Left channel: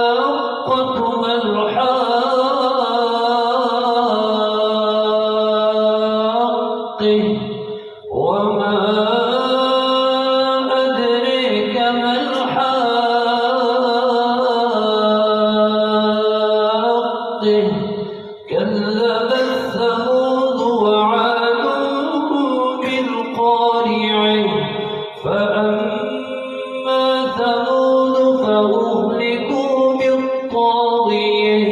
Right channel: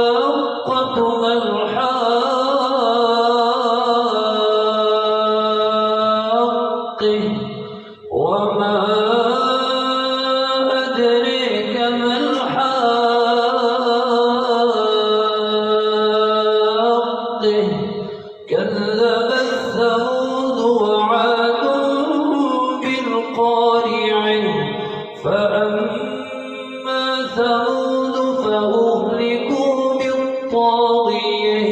الحاقة ما الحاقة وما أدريك ما الحاقة كذبت ثمود وعاد بالقارعة فأما ثمود فأهلكوا بالطاغية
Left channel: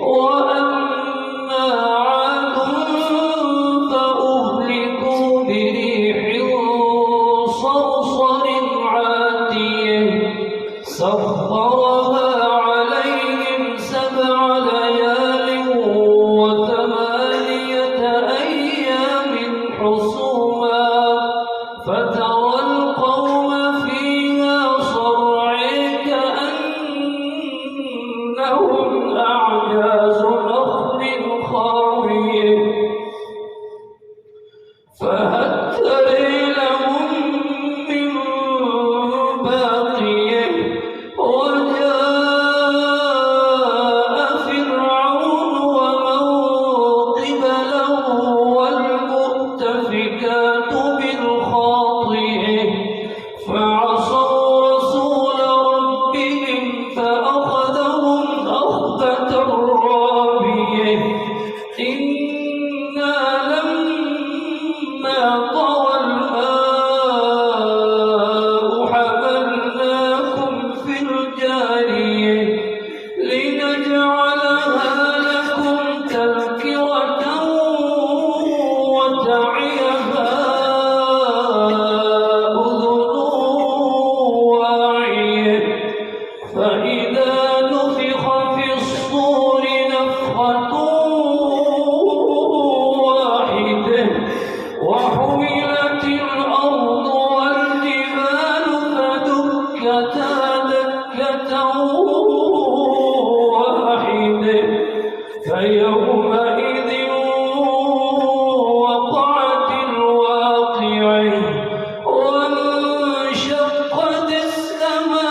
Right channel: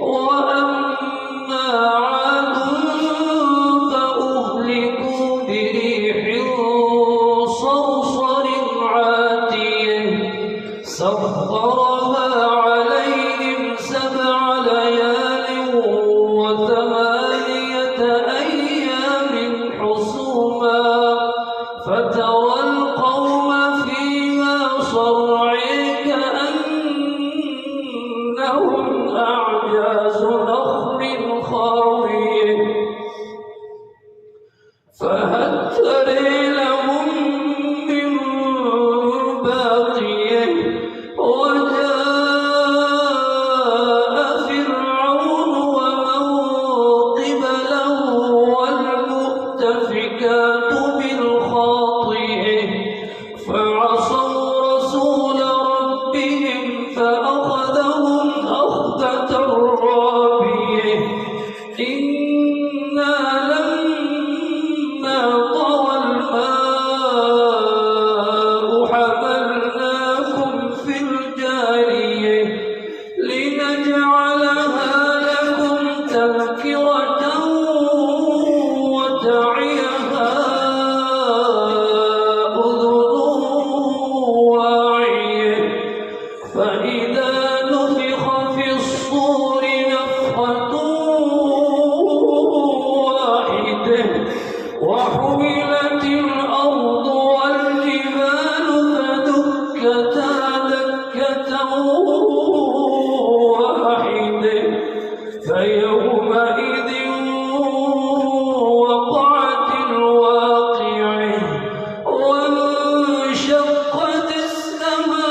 وأما عاد فأهلكوا بريح صرصر عاتية سخرها عليهم 7 ليال و8 أيام حسوما فترى القوم فيها صرعى كأنهم أعجاز نخل خاوية فهل ترى لهم من باقية وجاء فرعون ومن قبله والمؤتفكات بالخاطئة فعصوا رسول ربهم فأخذهم أخذة رابية إنا لما طغى الماء حملناكم في الجارية لنجعلها لكم تذكرة وتعيها فإذا نفخ في الصور نفخة واحدة وحملت الأرض والجبال فدكتا دكة واحدة فيومئذ وقعت الواقعة وانشقت السماء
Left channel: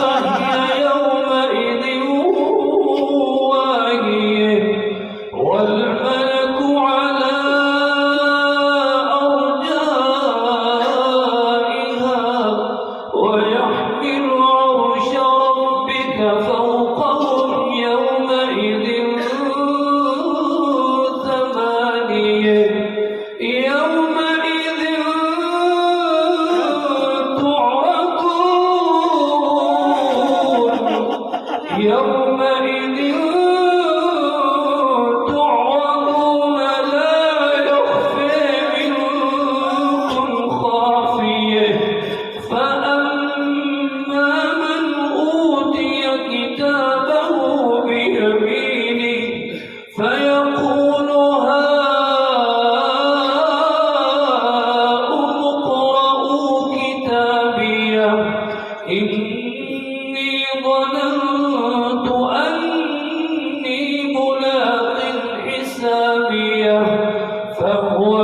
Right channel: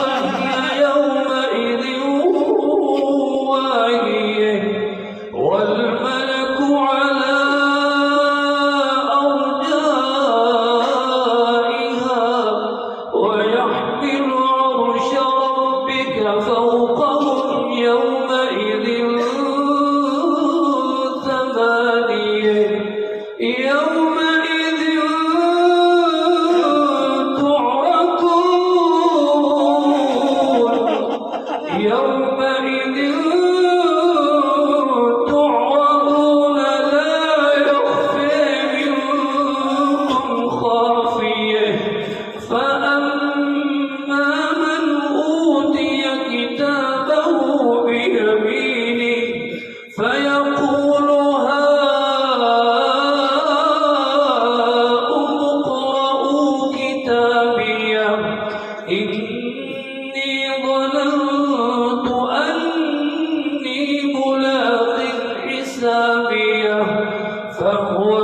فهي يومئذ واهية والملك على أرجائها ويحمل عرش ربك فوقهم يومئذ 8 يومئذ تعرضون لا يخفى منكم خافية فأما من أوتي كتابه بيمينه فيقول هاؤم اقرءوا كتابيه إني ظننت أني ملاق حسابيه فهو